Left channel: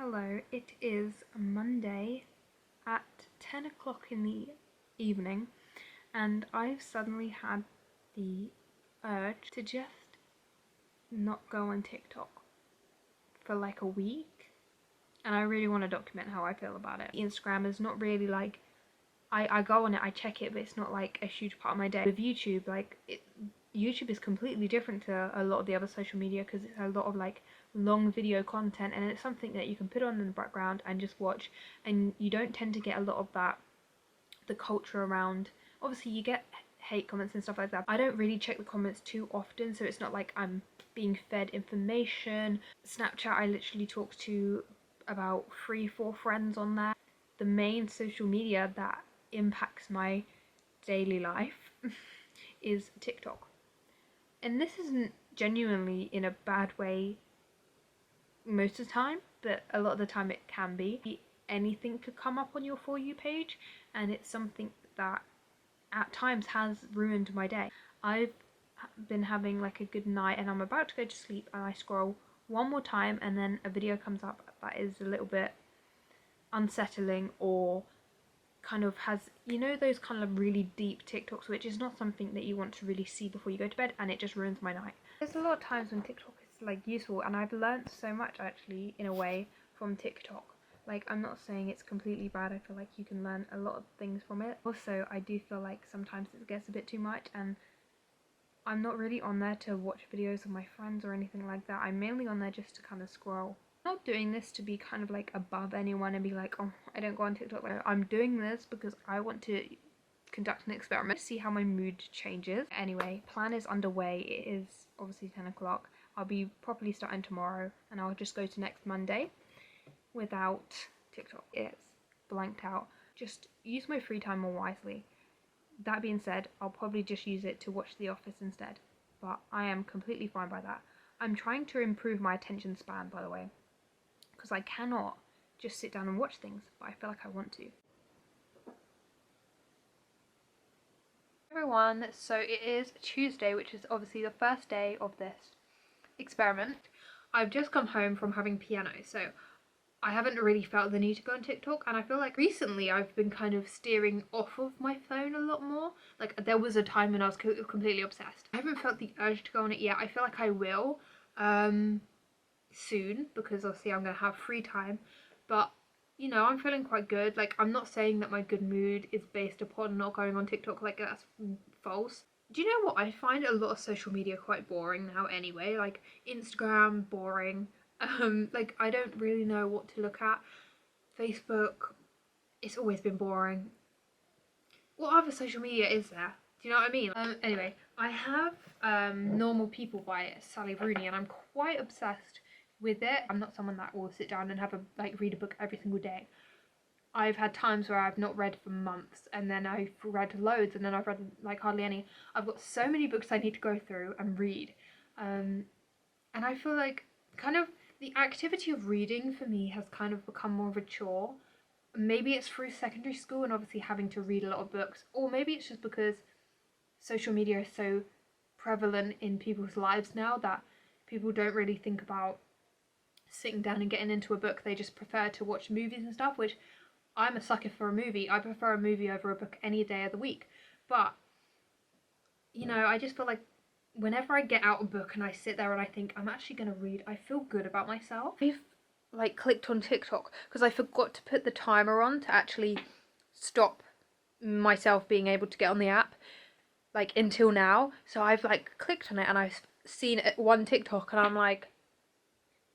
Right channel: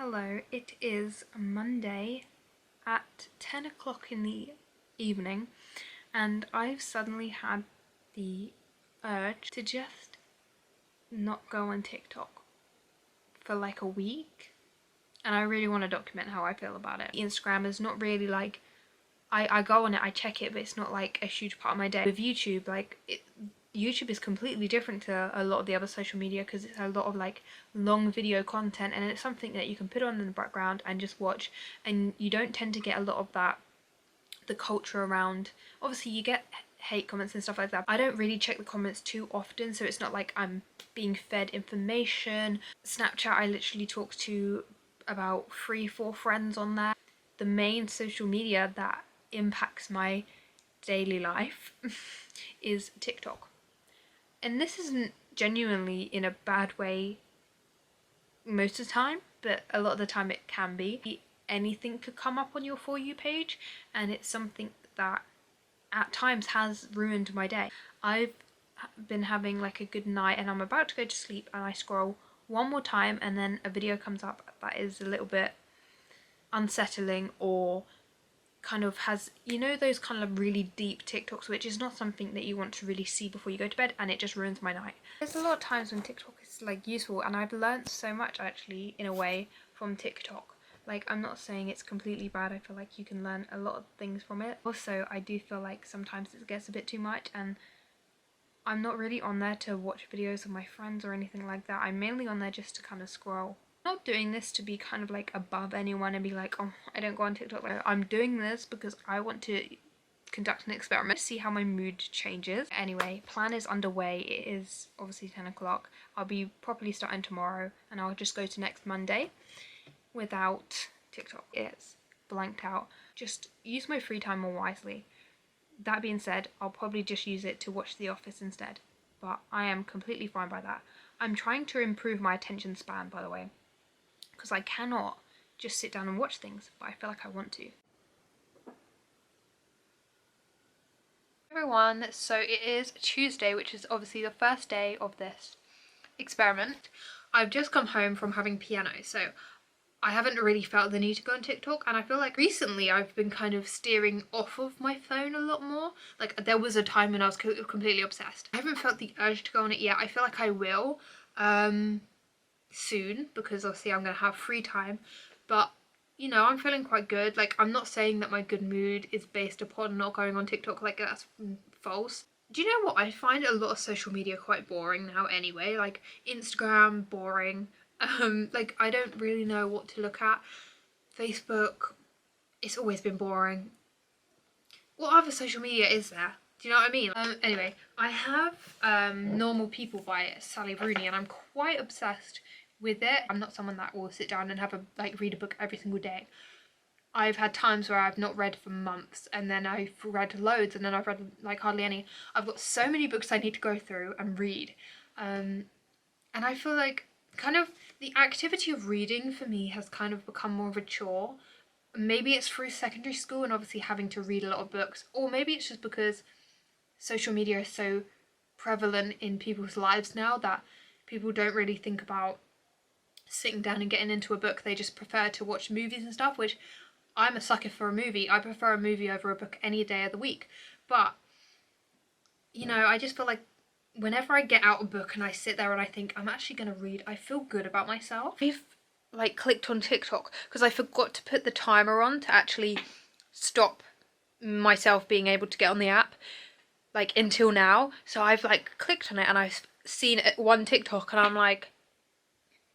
Hello, it is Monday at 10 o'clock in the evening, and I've suddenly had the urge to just not go on TikTok for like a week, and I really want to document how I feel about it. Instagram is not really like, I go on it, I check it, but it's not like a huge part of my day. With YouTube, YouTube is completely different to a lot of the other social media because it's a lot of like long video content, and it's something that you can put on in the background and just watch, and you don't tend to get a lot of the culture around. Obviously you get hate comments and stuff like that. I don't really check the comments too often, so it's not like I'm being fed information. Snapchat, I literally talk to about 3-4 friends on there. The main social media that impacts my daily life is TikTok. And this isn't genuinely in a bad way most of the time, but a lot of the time it can be. Anything could come up on your For You page, and it's something that at times has ruined my day. I've been having like a good night and I'm about to go to sleep, and I scroll one more time and then a video comes up that is a little bit unsettling, or kind of has, you know, those kind of really deep TikToks, which is not something that you want to really see before you go to bed, and it just ruins my night. There's a lot of times when TikTok is like useful, and I've learned so much actually in a way from TikTok. Like, I'm not saying it's completely bad. I feel like you can learn a lot of things from it. Also, I do feel like sometimes it gets a bit too much, and I'm not really on there to watch videos of my friends or anything like that. I'm mainly on there just to kind of scroll. I'm not doing this to be kind of like above anyone and be like, oh, I don't go on TikTok. I'm doing this because I want to conduct an experiment to see how my mood changes. Anyway, plan is underway. It is obviously 10 o'clock. I'll be properly starting tomorrow, and I'll just go to next Monday without TikTok. It's blanked out. Just use my free time more wisely. That being said, I'll probably just use it to watch The Office instead, but I am completely fine by that. I'm trying to improve my attention span, by the way, because I cannot just sit down and watch things, but I feel like I want to. Everyone, so it is Tuesday, which is obviously the first day of this experiment. I've just come home from having piano, so I haven't really felt the need to go on TikTok, and I feel like recently I've been kind of steering off of my phone a lot more. Like, there was a time when I was completely obsessed. I haven't felt the urge to go on it yet. I feel like I will soon, because obviously I'm gonna have free time, but you know, I'm feeling quite good. Like, I'm not saying that my good mood is based upon not going on TikTok. Like, that's false. Do you know what? I find a lot of social media quite boring now anyway. Like, Instagram, boring. Like, I don't really know what to look at. Facebook, it's always been boring. What other social media is there? Do you know what I mean? Anyway, I have Normal People by Sally Rooney, and I'm quite obsessed with it. I'm not someone that will sit down and read a book every single day. I've had times where I've not read for months, and then I've read loads, and then I've read like hardly any. I've got so many books I need to go through and read, and I feel like kind of the activity of reading for me has kind of become more of a chore. Maybe it's through secondary school and obviously having to read a lot of books, or maybe it's just because social media is so prevalent in people's lives now that people don't really think about sitting down and getting into a book. They just prefer to watch movies and stuff, which I'm a sucker for a movie. I prefer a movie over a book any day of the week. But, you know, I just feel like whenever I get out a book and I sit there and I think I'm actually going to read, I feel good about myself. I've like clicked on TikTok because I forgot to put the timer on to actually stop myself being able to get on the app, like, until now. So I've like clicked on it and I've seen one TikTok and I'm like,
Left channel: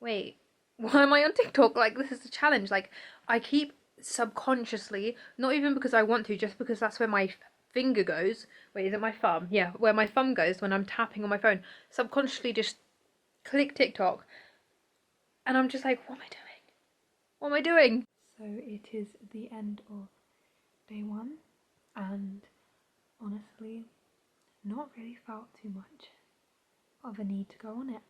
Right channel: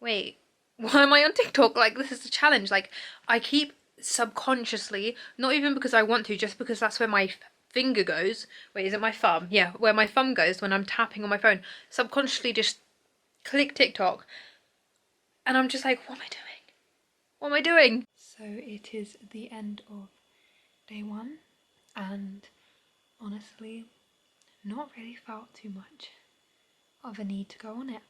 wait, why am I on TikTok? Like, this is a challenge. Like, I keep subconsciously, not even because I want to, just because that's where my finger goes. Wait, is it my thumb? Yeah, where my thumb goes when I'm tapping on my phone. Subconsciously just click TikTok. And I'm just like, what am I doing? What am I doing? So it is the end of day one, and honestly, not really felt too much of a need to go on it.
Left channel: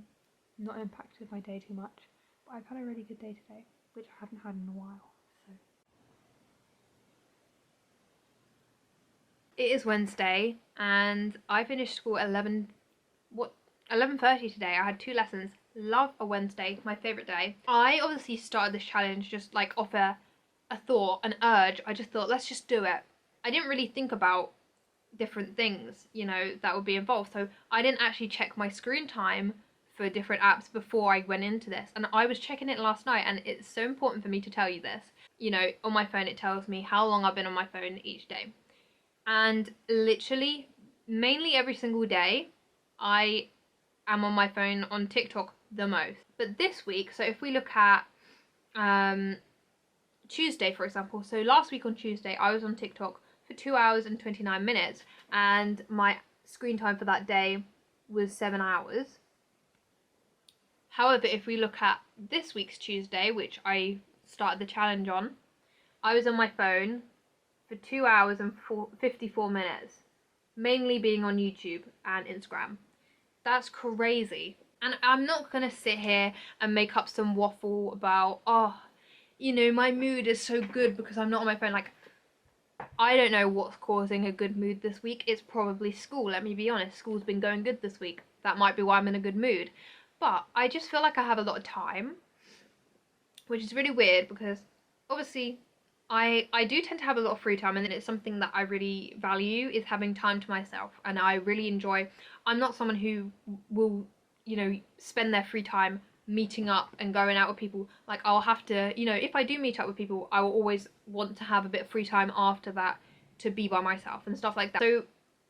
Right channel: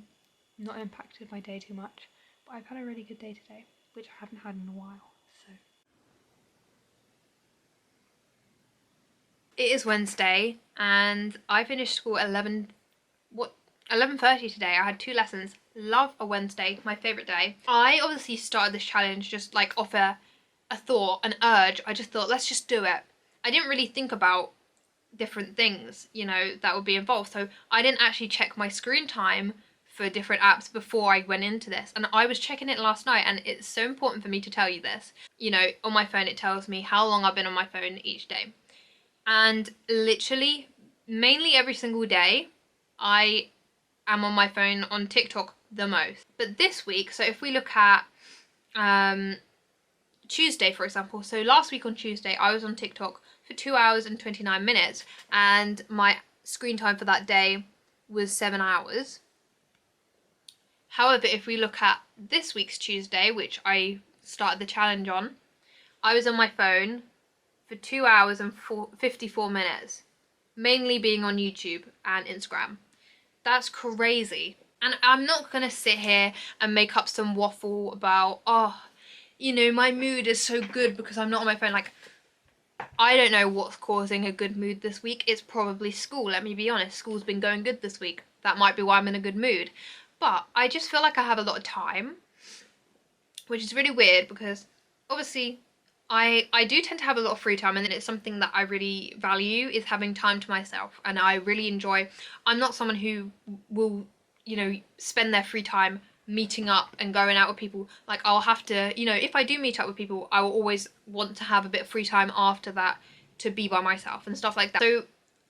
Not impacted my day too much, but I've had a really good day today, which I haven't had in a while. So it is Wednesday, and I finished school at 11:30 today. I had 2 lessons. Love a Wednesday, my favourite day. I obviously started this challenge just like off a thought, an urge. I just thought, let's just do it. I didn't really think about different things, you know, that would be involved. So I didn't actually check my screen time for different apps before I went into this. And I was checking it last night, and it's so important for me to tell you this. You know, on my phone, it tells me how long I've been on my phone each day. And literally, mainly every single day, I am on my phone on TikTok the most. But this week, so if we look at Tuesday, for example, so last week on Tuesday, I was on TikTok for 2 hours and 29 minutes, and my screen time for that day was 7 hours. However, if we look at this week's Tuesday, which I started the challenge on, I was on my phone for 2 hours and 54 minutes, mainly being on YouTube and Instagram. That's crazy. And I'm not going to sit here and make up some waffle about, oh, you know, my mood is so good because I'm not on my phone. Like, I don't know what's causing a good mood this week. It's probably school, let me be honest. School's been going good this week. That might be why I'm in a good mood. But I just feel like I have a lot of time, which is really weird because obviously I do tend to have a lot of free time, and it's something that I really value is having time to myself, and I really enjoy. I'm not someone who will, you know, spend their free time meeting up and going out with people. Like, I'll have to, you know, if I do meet up with people, I will always want to have a bit of free time after that to be by myself and stuff like that. So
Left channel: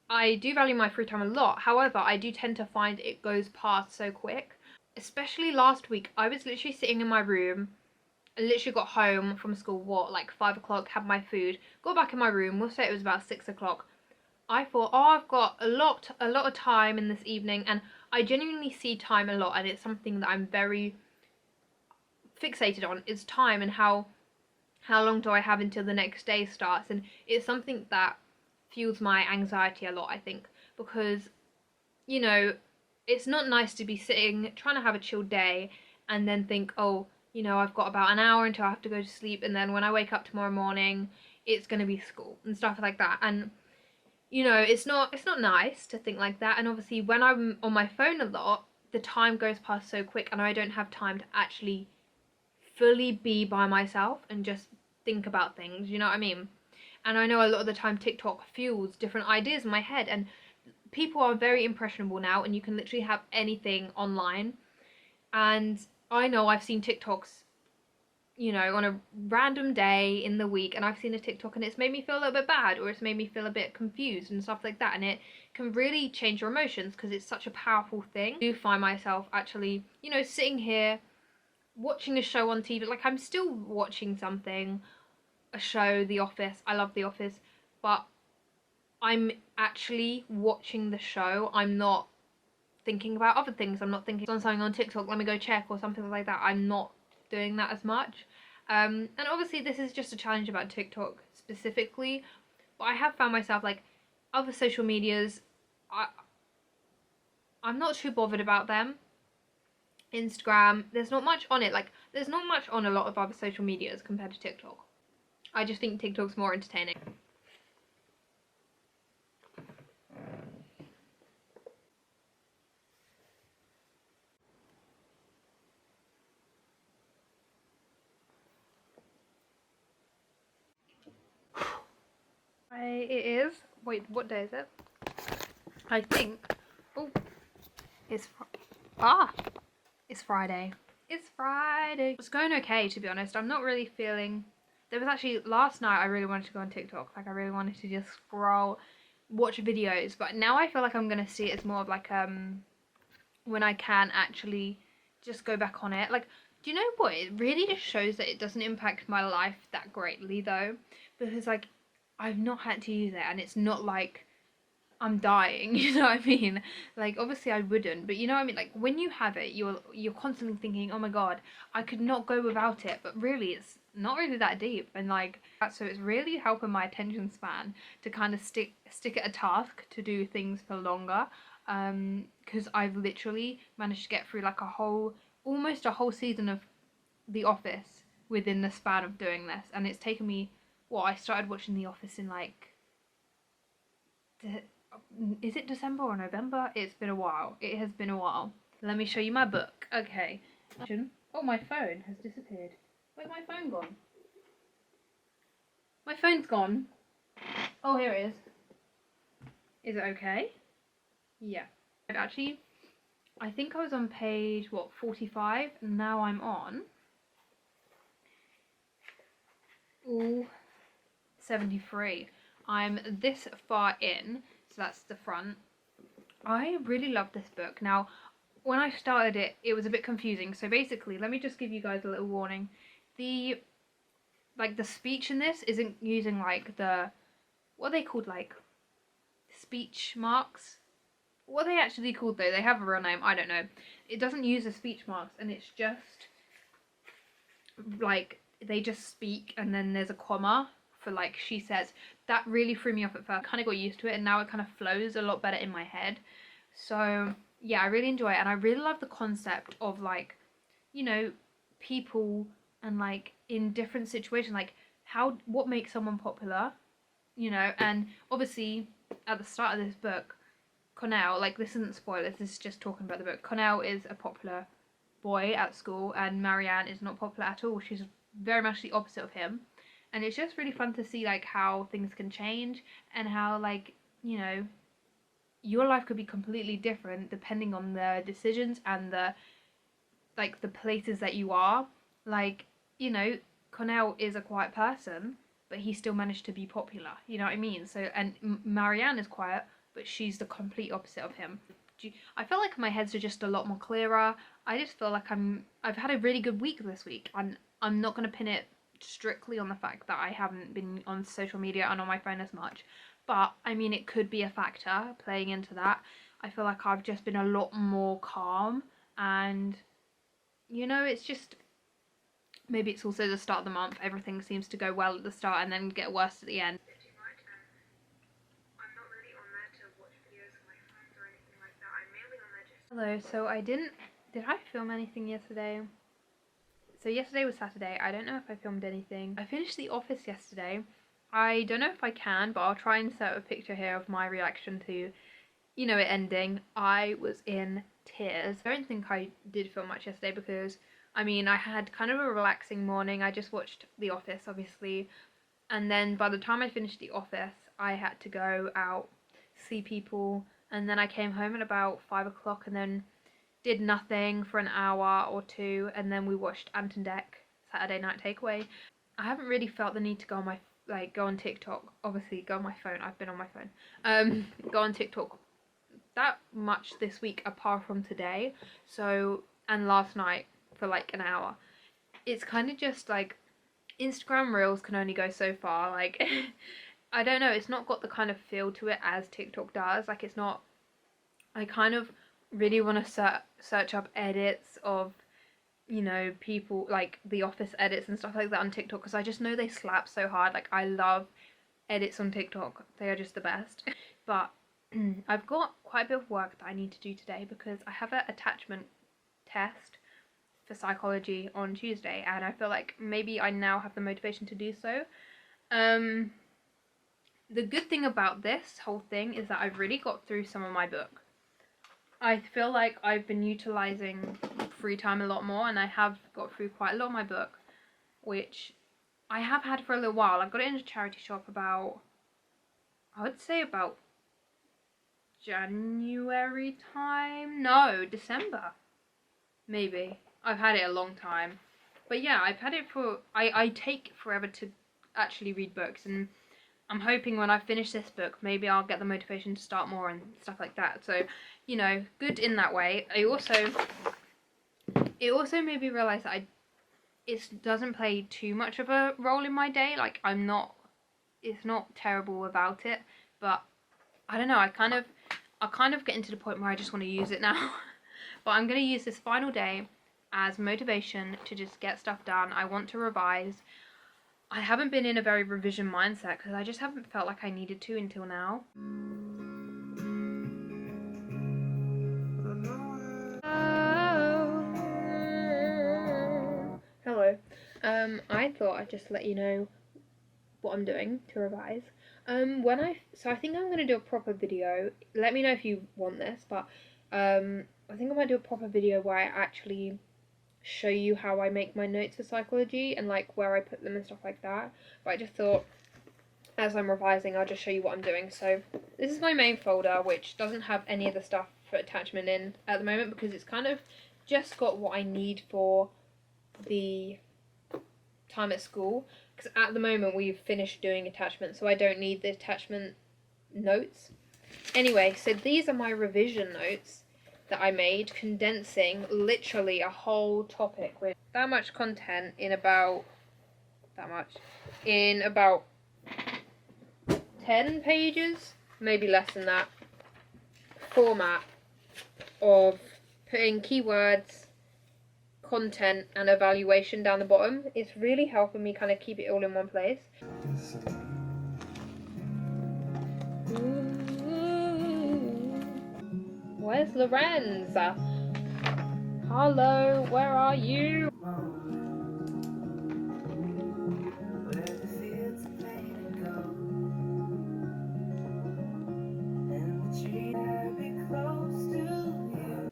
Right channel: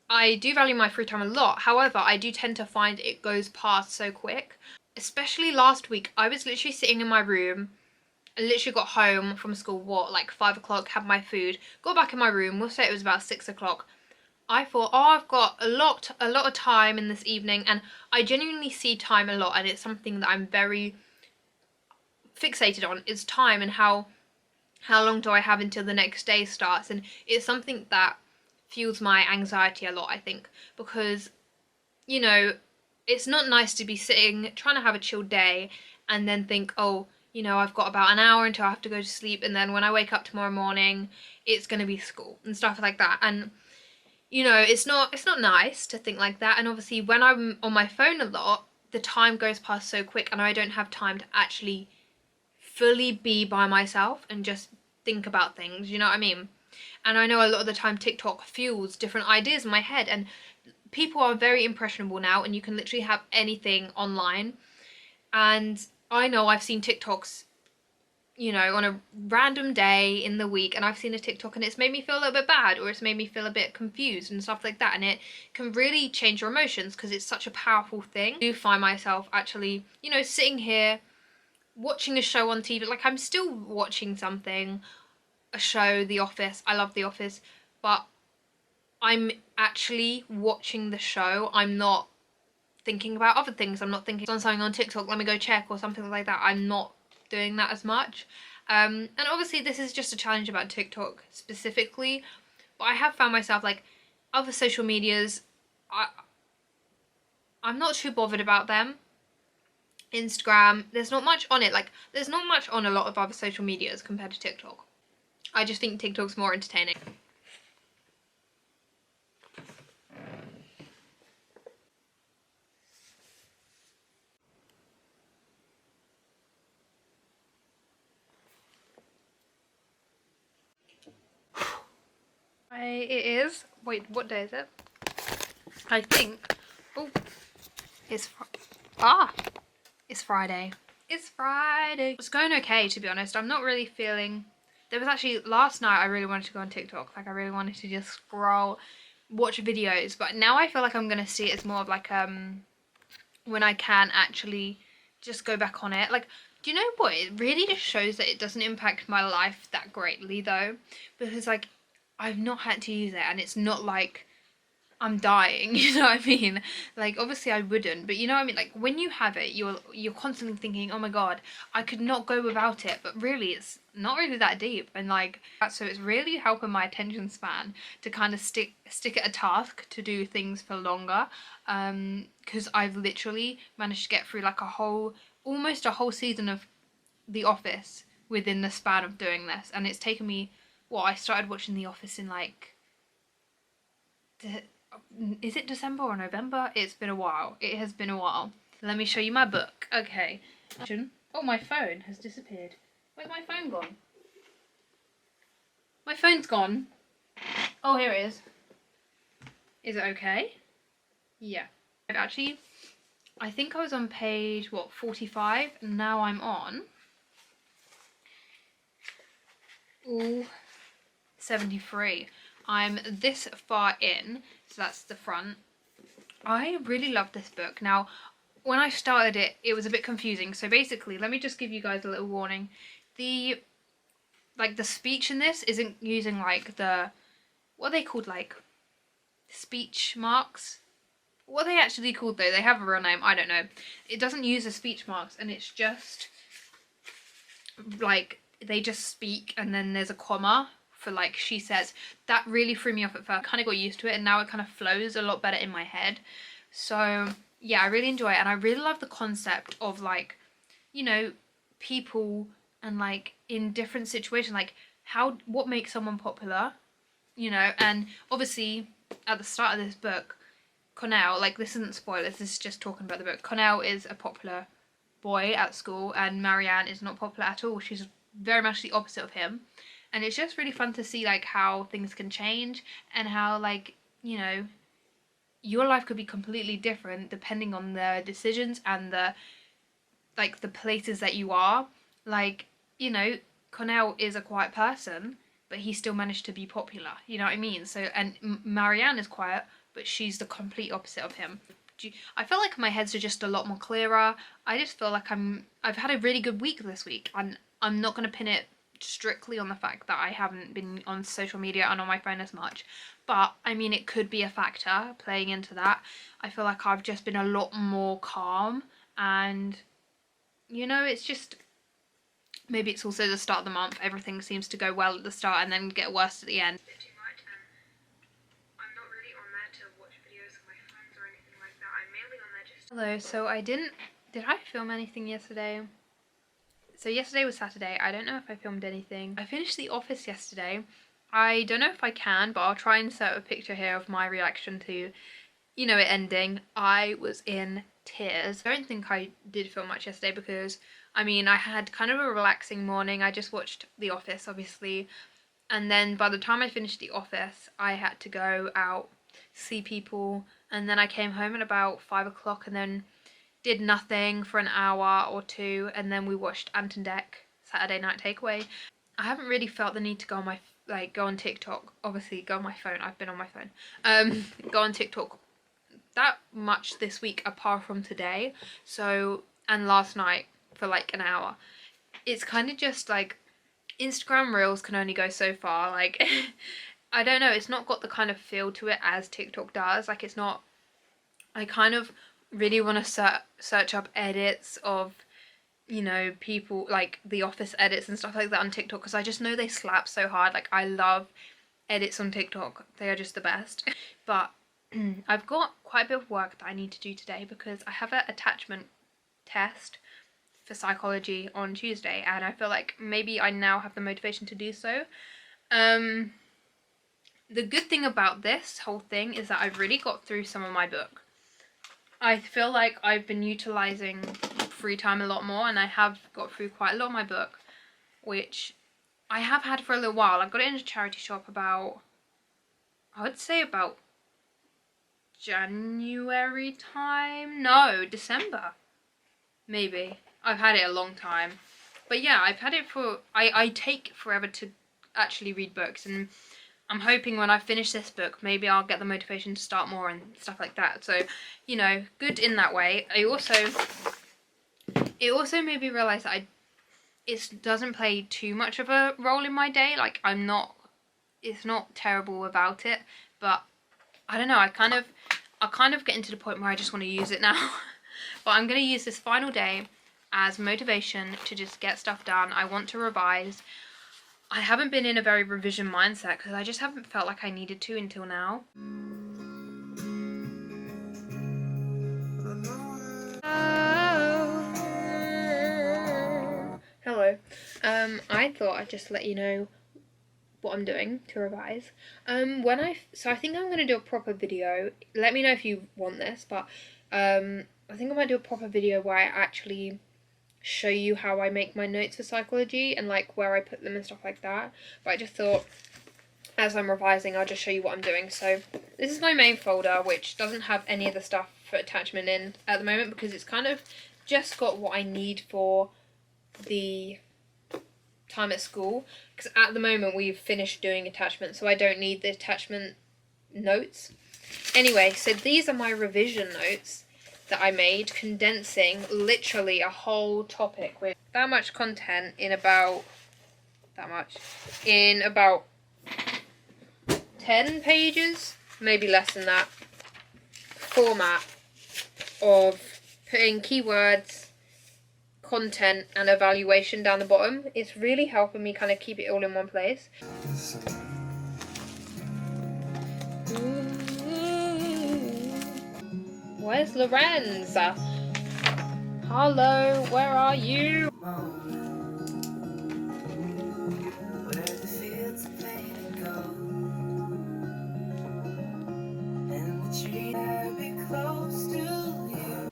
I do value my free time a lot. However, I do tend to find it goes past so quick. Especially last week, I was literally sitting in my room. I literally got home from school, like 5 o'clock, had my food, got back in my room, we'll say it was about 6 o'clock. I thought, oh, I've got a lot of time in this evening, and I genuinely see time a lot, and it's something that I'm very fixated on, is time and how long do I have until the next day starts. And it's something that fuels my anxiety a lot, I think, because, you know, it's not nice to be sitting trying to have a chill day and then think, oh, you know, I've got about an hour until I have to go to sleep, and then when I wake up tomorrow morning, it's going to be school and stuff like that. And, you know, it's not nice to think like that. And obviously when I'm on my phone a lot, the time goes past so quick, and I don't have time to actually fully be by myself and just think about things, you know what I mean? And I know a lot of the time TikTok fuels different ideas in my head, and people are very impressionable now, and you can literally have anything online. And I know I've seen TikToks, you know, on a random day in the week, and I've seen a TikTok and it's made me feel a little bit bad, or it's made me feel a bit confused and stuff like that, and it can really change your emotions because it's such a powerful thing. I do find myself actually, you know, sitting here watching a show on TV, like I'm still watching something, a show, The Office. I love The Office, but I'm actually watching the show. I'm not thinking about other things. I'm not thinking on something on TikTok, let me go check, or something like that. I'm not doing that as much. And obviously this is just a challenge about TikTok specifically, but I have found myself, like, other social medias, I'm not too bothered about them. Instagram, there's not much on it. Like, there's not much on a lot of other social medias compared to TikTok. I just think TikTok's more entertaining. It is. Wait, what day is it? I think. Oh, it's it's Friday. It's Friday. It's going okay, to be honest. I'm not really feeling. There was actually last night I really wanted to go on TikTok. Like, I really wanted to just scroll, watch videos. But now I feel like I'm gonna see it as more of like when I can actually just go back on it. Like, do you know what? It really just shows that it doesn't impact my life that greatly though, because like I've not had to use it, and it's not like I'm dying, you know what I mean? Like, obviously I wouldn't, but you know what I mean? Like, when you have it, you're constantly thinking, oh my god, I could not go without it, but really it's not really that deep, and like, so it's really helping my attention span to kind of stick at a task, to do things for longer, because I've literally managed to get through like almost a whole season of The Office within the span of doing this, and it's taken me, I started watching The Office in like, is it December or November? It's been a while. It has been a while. let me show you my book. Okay. Oh, my phone has disappeared. Where's my phone gone? My phone's gone. Oh, here it is. Is it okay? Yeah. Actually, I think I was on page, what, 45? And now I'm on... Ooh, 73. I'm this far in, so that's the front. I really love this book. Now, when I started it, it was a bit confusing. So basically, let me just give you guys a little warning. The speech in this isn't using like the, what are they called, like speech marks? What are they actually called though? They have a real name, I don't know. It doesn't use the speech marks, and it's just like they just speak and then there's a comma for like she says. That really threw me off at first. I kind of got used to it, and now it kind of flows a lot better in my head. So yeah, I really enjoy it, and I really love the concept of like, you know, people and like in different situations, like what makes someone popular, you know. And obviously at the start of this book, Connell, like this isn't spoilers, this is just talking about the book. Connell is a popular boy at school, and Marianne is not popular at all. She's very much the opposite of him. And it's just really fun to see like how things can change, and how like, you know, your life could be completely different depending on the decisions and the like the places that you are. Like, you know, Connell is a quiet person, but he still managed to be popular, you know what I mean? So, and Marianne is quiet, but she's the complete opposite of him. I feel like my heads are just a lot more clearer. I just feel like I've had a really good week this week, and I'm not going to pin it strictly on the fact that I haven't been on social media and on my phone as much, but I mean, it could be a factor playing into that. I feel like I've just been a lot more calm, and you know, it's just, maybe it's also the start of the month. Everything seems to go well at the start and then get worse at the end. I'm not really on there to watch videos of my friends or anything like that. I'm mainly on there just... Hello, so did I film anything yesterday? So yesterday was Saturday. I don't know if I filmed anything. I finished The Office yesterday. I don't know if I can, but I'll try and insert a picture here of my reaction to, you know, it ending. I was in tears. I don't think I did film much yesterday because, I mean, I had kind of a relaxing morning. I just watched The Office, obviously. And then by the time I finished The Office, I had to go out, see people. And then I came home at about 5 o'clock and then did nothing for an hour or two. And then we watched Ant and Dec, Saturday Night Takeaway. I haven't really felt the need to go on go on TikTok. Obviously, go on my phone. I've been on my phone. Go on TikTok that much this week apart from today. So, and last night for like an hour. It's kind of just like Instagram Reels can only go so far. Like, I don't know, it's not got the kind of feel to it as TikTok does. Like, it's not, I kind of really want to search up edits of, you know, people like The Office edits and stuff like that on TikTok, because I just know they slap so hard. Like, I love edits on TikTok, they are just the best. But I've got quite a bit of work that I need to do today because I have an attachment test for psychology on Tuesday, and I feel like maybe I now have the motivation to do so. The good thing about this whole thing is that I've really got through some of my book. I feel like I've been utilising free time a lot more, and I have got through quite a lot of my book, which I have had for a little while. I got it in a charity shop about, I would say about January time? No, December. Maybe. I've had it a long time. But yeah, I've had it for... I take forever to actually read books, and I'm hoping when I finish this book, maybe I'll get the motivation to start more and stuff like that. So, you know, good in that way. It also made me realise that it doesn't play too much of a role in my day. Like, it's not terrible without it, but I don't know, I kind of getting to the point where I just want to use it now. But I'm going to use this final day as motivation to just get stuff done. I want to revise. I haven't been in a very revision mindset because I just haven't felt like I needed to until now. Hello. I thought I'd just let you know what I'm doing to revise. So I think I'm going to do a proper video. Let me know if you want this, but I think I might do a proper video where I actually show you how I make my notes for psychology and like where I put them and stuff like that. But I just thought, as I'm revising, I'll just show you what I'm doing. So this is my main folder, which doesn't have any of the stuff for attachment in at the moment because it's kind of just got what I need for the time at school, because at the moment we've finished doing attachment, so I don't need the attachment notes. Anyway, so these are my revision notes that I made, condensing literally a whole topic with that much content in about 10 pages, maybe less than that, format of putting keywords, content and evaluation down the bottom. It's really helping me kind of keep it all in one place. Where's Lorenz? Hello, where are you?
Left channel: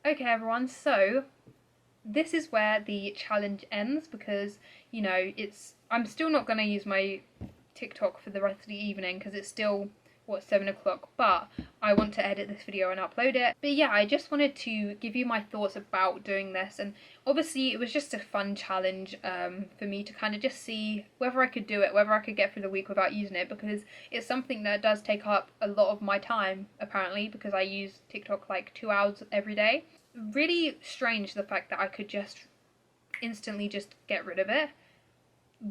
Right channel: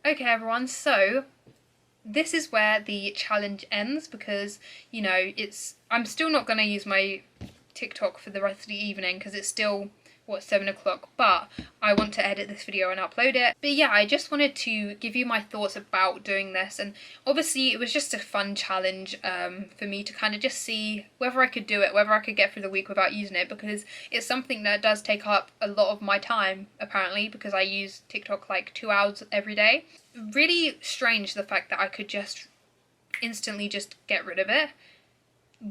Okay everyone, so this is where the challenge ends because, you know, I'm still not going to use my TikTok for the rest of the evening because it's still, 7 o'clock, but I want to edit this video and upload it. But yeah, I just wanted to give you my thoughts about doing this, and obviously it was just a fun challenge for me to kind of just see whether I could do it, whether I could get through the week without using it, because it's something that does take up a lot of my time apparently, because I use TikTok like 2 hours every day. Really strange the fact that I could just instantly just get rid of it.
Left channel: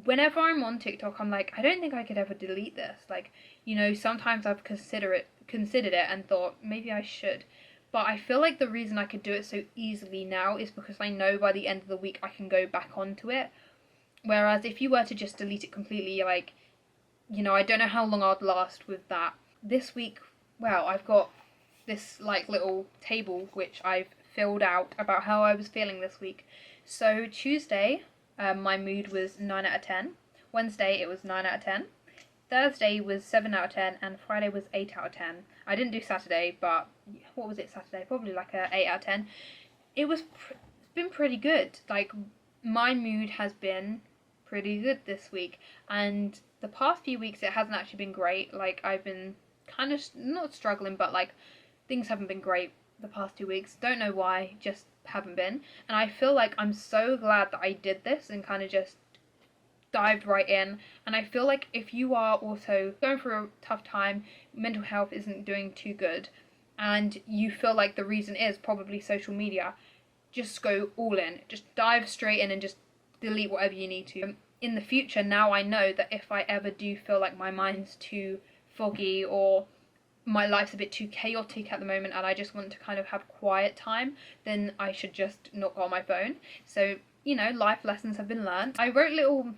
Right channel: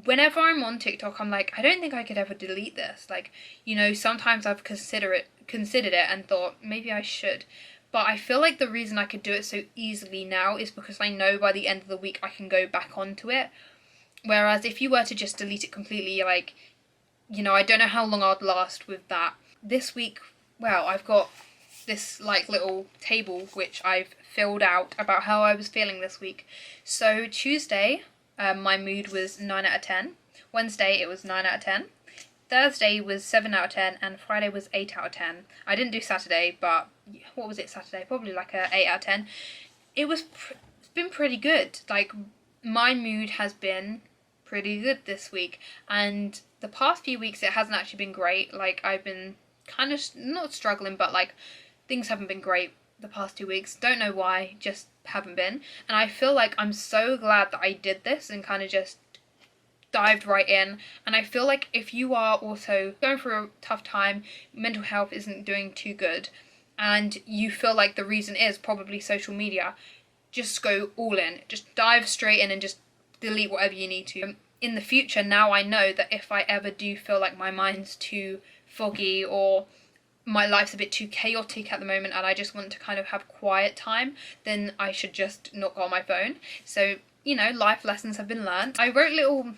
Whenever I'm on TikTok, I'm like, I don't think I could ever delete this. Like, you know, sometimes I've considered it and thought maybe I should. But I feel like the reason I could do it so easily now is because I know by the end of the week I can go back onto it. Whereas if you were to just delete it completely, like, you know, I don't know how long I'd last with that. This week, well, I've got this like little table which I've filled out about how I was feeling this week. So Tuesday, my mood was 9 out of 10. Wednesday it was 9 out of 10. Thursday was 7 out of 10, and Friday was 8 out of 10. I didn't do Saturday, but what was it Saturday? Probably like a 8 out of 10. It's been pretty good. Like, my mood has been pretty good this week, and the past few weeks it hasn't actually been great. Like, I've been kind of not struggling, but like things haven't been great the past 2 weeks. Don't know why, just haven't been. And I feel like I'm so glad that I did this and kind of just dived right in. And I feel like if you are also going through a tough time, mental health isn't doing too good, and you feel like the reason is probably social media, just go all in. Just dive straight in and just delete whatever you need to. In the future, now I know that if I ever do feel like my mind's too foggy or my life's a bit too chaotic at the moment and I just want to kind of have quiet time, then I should just not go on my phone. So, you know, life lessons have been learned. I wrote little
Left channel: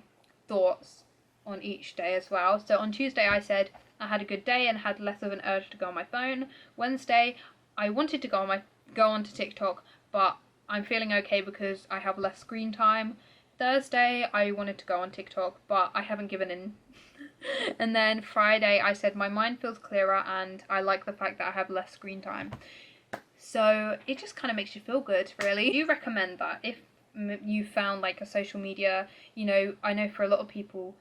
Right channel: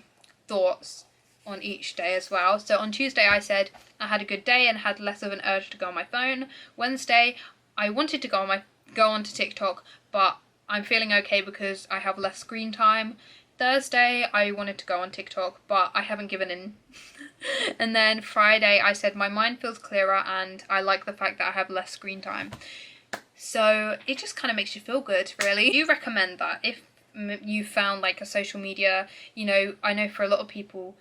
thoughts on each day as well. So on Tuesday I said I had a good day and had less of an urge to go on my phone. Wednesday I wanted to go onto TikTok, but I'm feeling okay because I have less screen time. Thursday I wanted to go on TikTok, but I haven't given in. And then Friday I said my mind feels clearer and I like the fact that I have less screen time. So it just kind of makes you feel good, really. I do recommend that if you found like a social media, you know, I know for a lot of people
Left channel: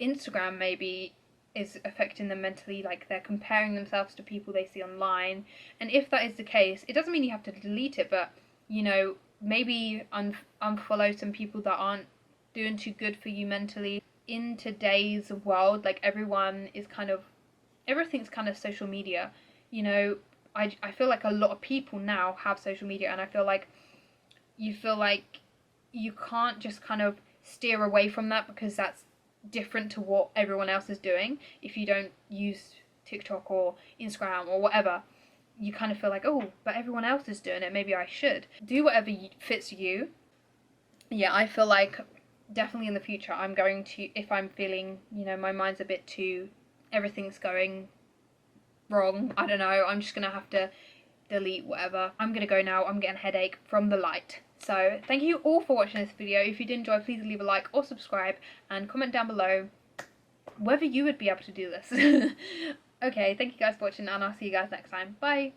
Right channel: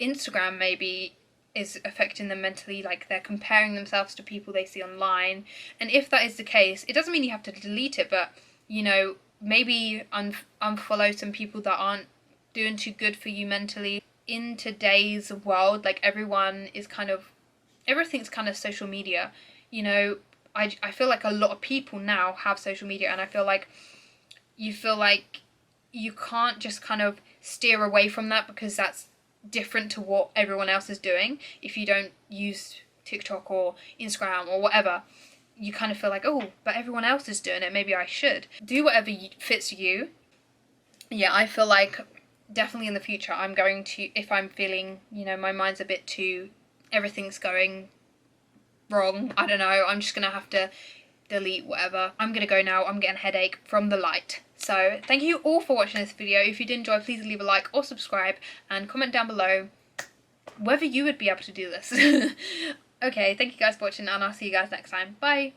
Instagram maybe is affecting them mentally, like they're comparing themselves to people they see online. And if that is the case, it doesn't mean you have to delete it, but, you know, maybe unfollow some people that aren't doing too good for you mentally. In today's world, like everything's kind of social media, you know. I feel like a lot of people now have social media, and I feel like you can't just kind of steer away from that because that's different to what everyone else is doing. If you don't use TikTok or Instagram or whatever, you kind of feel like, oh, but everyone else is doing it, maybe I should. Do whatever fits you. Yeah, I feel like definitely in the future I'm going to, if I'm feeling, you know, my mind's a bit too, everything's going wrong, I don't know, I'm just gonna have to delete whatever. I'm gonna go now. I'm getting a headache from the light. So thank you all for watching this video. If you did enjoy, please leave a like or subscribe and comment down below whether you would be able to do this. Okay, thank you guys for watching, and I'll see you guys next time. Bye.